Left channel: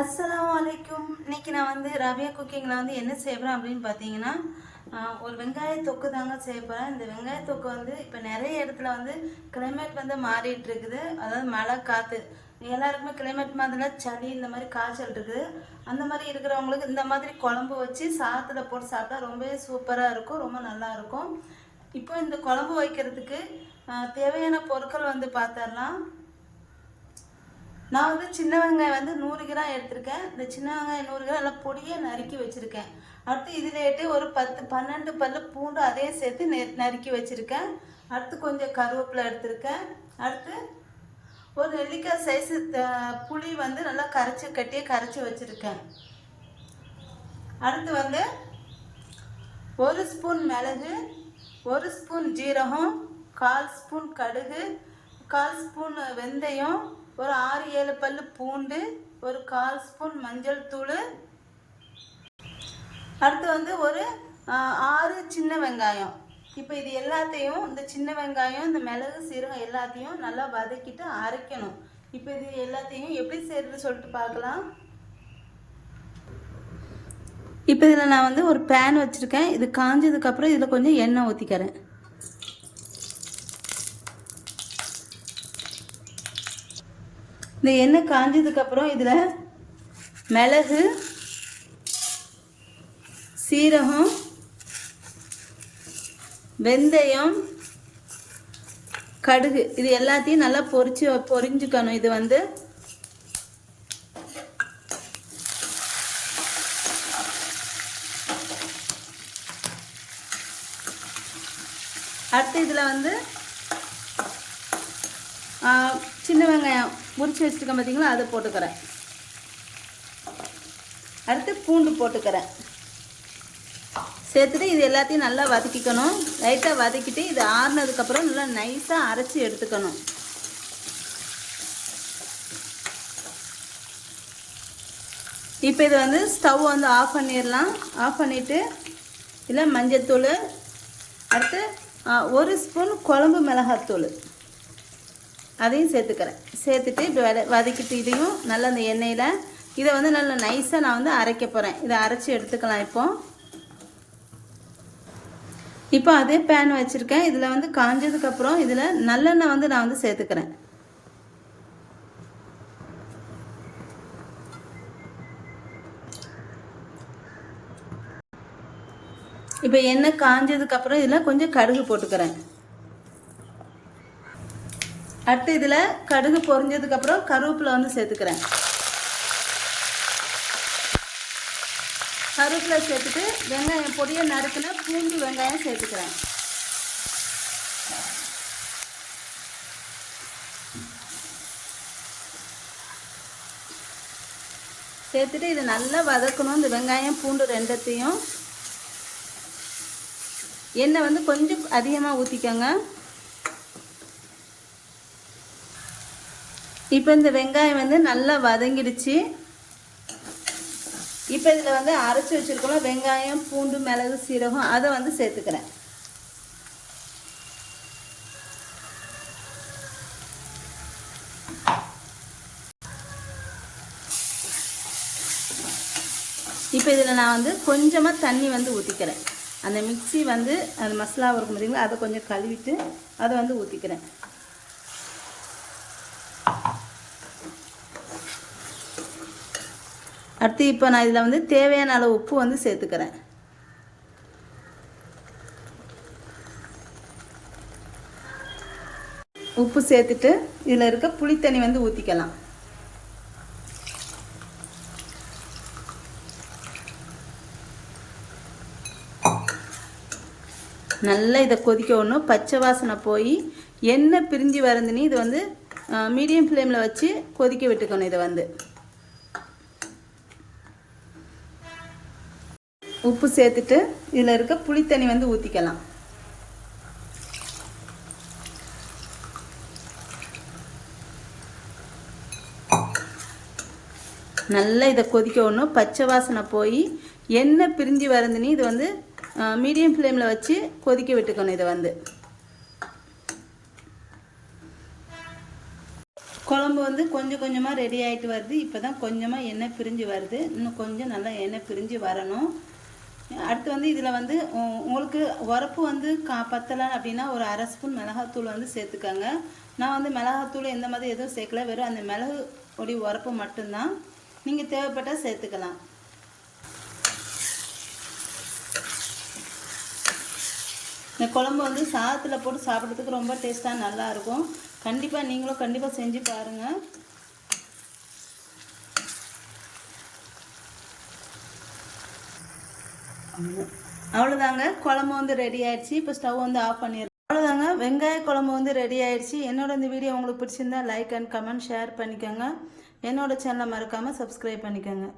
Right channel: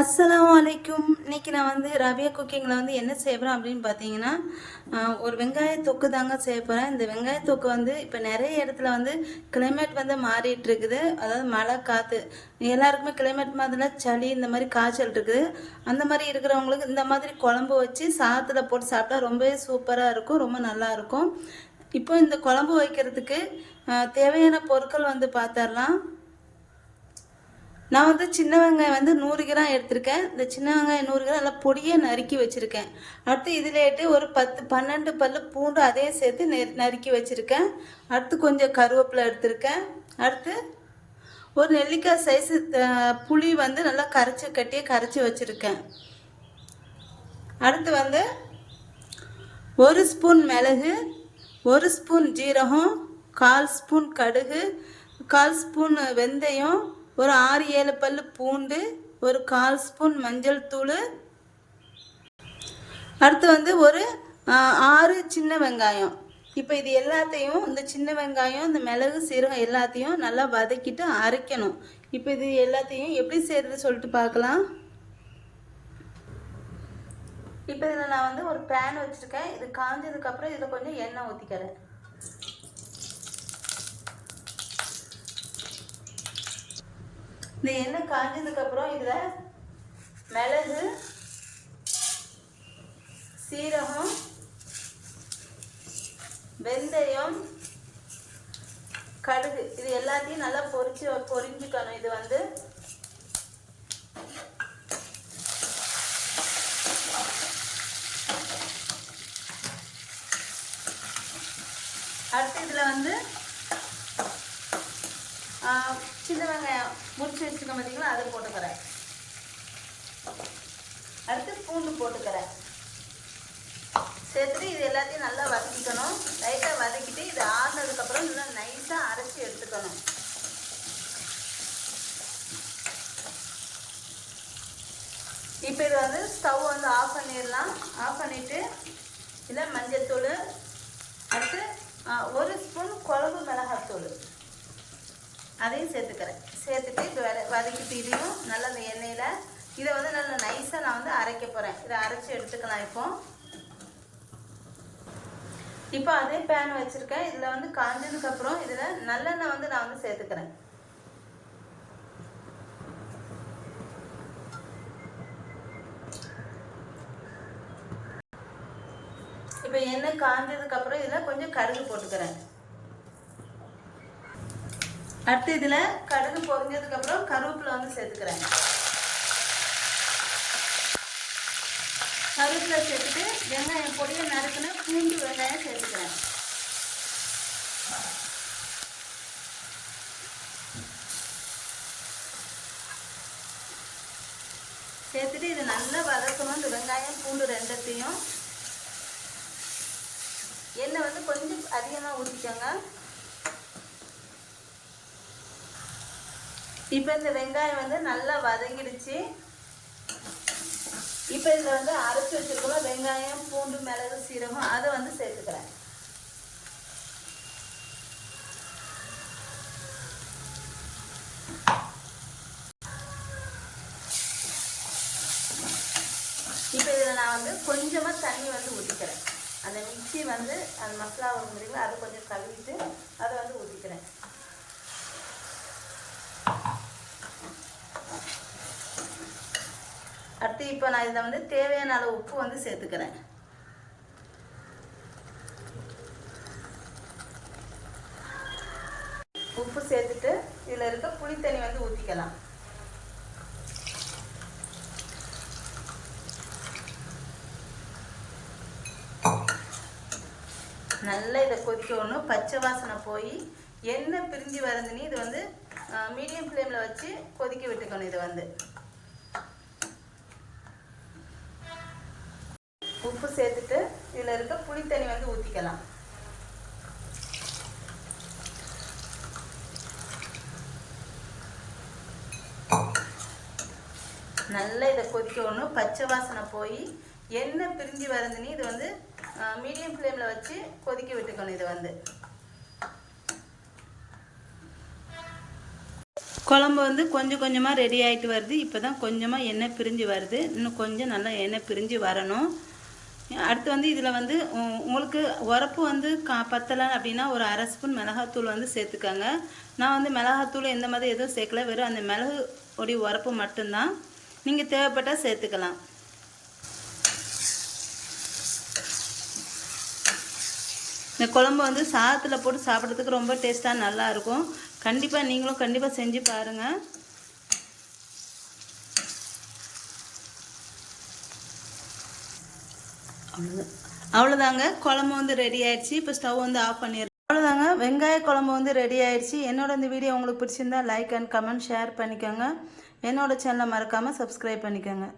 அஸ்ஸலாமு அலைக்கும். இன்னைக்கு நான் ரபியா குக்கிங்கில் என்ன செய்ய போகிறேன் அப்படின்னு பார்த்தீங்கன்னா, ஒரு வெங்காய தொக்கு தாங்க செய்ய போகிறேன். இந்த வெங்காய தொக்கு இப்போ நிறைய இடத்துல கிளைமேட் மாறிட்டு இருக்குது. அதாவது மழை காற்று எல்லாருக்குமே கிளைமேட் மாதிரி சளி இந்த மாதிரி காய்ச்சல் இருக்குது. அந்த மாதிரி இருக்கிறவங்களுக்கு இந்த மாதிரி குழம்பு வச்சு சாதத்தில் போட்டு சாப்பிட்டா ரொம்பவே சூப்பராக இருக்கும், ரொம்ப நல்லா இருக்கும். இப்போ இந்த குழம்பு வைக்கிறதுக்கு தேவையான பொருட்கள் பார்த்துடலாம். நான் சின்ன வெங்காயம் 100 கிராம் எடுத்திருக்கேன். இந்த சின்ன வெங்காயம் 100 கிராம் நல்லா பொடியை நறுக்கி வச்சுருக்கேன். அடுத்து இதிலேட்டு ஒரு 10-12 பல்லு பூண்டு அதையும் சேர்த்து நறுக்கி வச்சுருக்கேன். அடுத்து கொஞ்சம் கருவேப்பிலை எடுத்திருக்கேன். அடுத்து ஒரு நெல்லிக்காய் சைஸு புளி நல்லா கரைச்சி வச்சுருக்கேன். அடுத்து 1 ஸ்பூன் மிளகு, 1 ஸ்பூன் ஜீரகம், 1/4 ஸ்பூன் கடுகு, 1/4 ஸ்பூன் வெந்தயம், ஒரு 6-7 பல்லு பூண்டு, ஒரு 1/4 ஸ்பூன் மஞ்சள் தூள். அடுத்து ஒரு 6 சின்ன வெங்காயம். இப்போ இது எல்லாத்தையும் இந்த சின்ன வெங்காயம், இந்த மிளகு, சீரகம் எல்லாத்தையும் நல்லா வதக்கிட்டு அரைக்கணும். இப்போ இது எல்லாத்தையும் எப்படி செய்யறது சொல்லிட்டு பார்க்கலாம். இப்போ இதில் நான் ஒரு பேன் வச்சுருக்கேன். இது காஞ்சதுக்கப்புறம் இதில் கொஞ்சம் எண்ணெய் ஊற்றிக்கிறேன். இந்த எண்ணெய் காஞ்சதுக்கப்புறம் இதில் மிளகு, சீரகம், வெந்தயம், கடுகு இது எல்லாத்தையும் நல்லா பொரிஞ்சுக்கணும். இது அடுத்து இதில் சின்ன வெங்காயம் முறிச்சு வச்சுருக்கேன் பார்த்தீங்களா, அதை போட்டுக்கிறேன். அடுத்து பூண்டு போட்டுக்கிறேன். சேர்த்துட்டு இது எல்லாத்தையும் நல்லா வதக்கிக்கணும். லைட்டாக வதக்கிட்டு இது ஆறுனதுக்கப்புறம் நல்லா நைஸாக அரைச்சி எடுத்துக்கணும். இப்போ இது ஸ்டவ் ஆஃப் பண்ணிடலாம். ஆஃப் பண்ணிவிட்டு இதில் மஞ்சத்தூள், அடுத்து 1 ஸ்பூன் குழம்பு மிளகாத்தூள் அதையும் சேர்த்துக்கிறேன். சேர்த்துட்டு இப்படி வதக்கிட்டு இதையும் நல்லா அந்த எண்ணெயில் இதை நல்லா நைஸாக நான் அரைக்க போகிறேன். இதை அரைச்சி எடுத்துக்கலாம். இப்போ அதே பேன் வச்சுருக்கேன். இதில் காஞ்சதுக்கப்புறம் இதில் நல்லெண்ணெய் நான் சேர்த்துக்கிறேன். இப்போ எண்ணெய் காஞ்சதுக்கப்புறம் இதில் கொஞ்சம் கடுகு போட்டுக்கிறேன். அடுத்து இதில் கடுகு பொரிஞ்சதுக்கப்புறம் கருவேப்பிலை சேர்த்துக்கிறேன். கருவேப்பிலை சேர்த்துட்டு வெங்காயம் பொடியை நறுக்கின பூண்டு வெங்காயம் சேர்த்துக்கிறேன். சேர்த்துட்டு இதை நல்லா வதக்கணும். இந்த வெங்காயம் பூண்டு ரெண்டத்தையும் எண்ணெய் கொஞ்சம் அதிகமாக ஊற்றிக்கோங்க. இப்போ இந்த வெங்காயம் நல்லா வதங்கிடுச்சு. இப்போ இதில் அரைச்சி வச்சுருக்கோம் வெங்காயம், பூண்டு, மிளகு, சீரகம் அதை சேர்த்துக்கிறேன். இப்போ இதில் நான் கொஞ்சமாக தண்ணி ஊற்றிக்கிறேன். அந்த மிக்ஸி அந்த மசாலா இருக்கும் பார்த்தீங்களா, அதை கொஞ்சம் கழுவிட்டு அதை ஊற்றிக்கிறேன். அடுத்து இப்போ நான் இதில் தேவையான அளவு உப்பு சேர்த்துக்கிறேன். உப்பு சேர்த்துட்டு இதில் இருக்க புளித்தண்ணி ஊற்றிக்கலாம். நல்லா இதை கொதிக்க விடணும். பச்சை வாசனை போய் எண்ணெய் பிரிஞ்சு வரதுன்னு இது மீடியம் ஃப்ளேமில் வச்சு கொதிக்க விட்டுக்கணும். இதை உப்பு சேர்த்துட்டு இதில் இருக்க புளித்தண்ணி ஊற்றிக்கலாம். நல்லா இதை கொதிக்க விடணும். பச்சை வாசனை போய் எண்ணெய் பிரிஞ்சு வரதுன்னு இது மீடியம் ஃப்ளேமில் வச்சு கொதிக்க விட்டுக்கணும். இதை குழம்பு வந்து கொஞ்சம் கொஞ்சமாக ரெடி ஆகிட்டு வருது. இப்போ தான் கொஞ்சமாக எண்ணெய் பிரிஞ்சு வருது. இன்னும் கொஞ்சம் நல்லா எண்ணெய் பிரிஞ்சு வரணும். அடுத்து வந்து இதில் வந்து உங்களுக்கு உரப்பு வந்து பத்தலை அப்படின்னா ஒரு அரை ஸ்பூன் மிளகாத்தூள் வந்து சேர்த்துக்கோங்க. நான் வந்து மிளகாத்தூள் எந்த மாதிரி எதுவும் சேர்க்கல, வெறும் அந்த மிளகு உடைய உரப்பு மட்டும்தான். நீங்கள் தேவைப்பட்டால் சேர்த்துக்கலாம். இந்த குழம்பு வந்து சாதத்தில் போட்டு சாப்பிட்றதுக்கு ரொம்ப டேஸ்ட்டாக நல்லாயிருக்கும். கண்டிப்பாக நீங்களும் செஞ்சு பாருங்கள். அவ்வளோதாங்க, குழம்பு வந்து ரெடி ஆயிடுச்சு. இப்போ ஸ்டவ் வந்து ஆஃப் பண்ணிடுறோம். அவ்வளோதாங்க, வெங்காய குழம்பு வந்து ரெடி ஆயிடுச்சு. என்னோட இந்த வீடியோ உங்களுக்கு பிடிச்சிருந்தா லைக் அண்ட் கமெண்ட் ஷேர் பண்ணிக்கோங்க. என்னோட சேனலை மறக்காமல் சப்ஸ்கிரைப் பண்ணிக்கோங்க.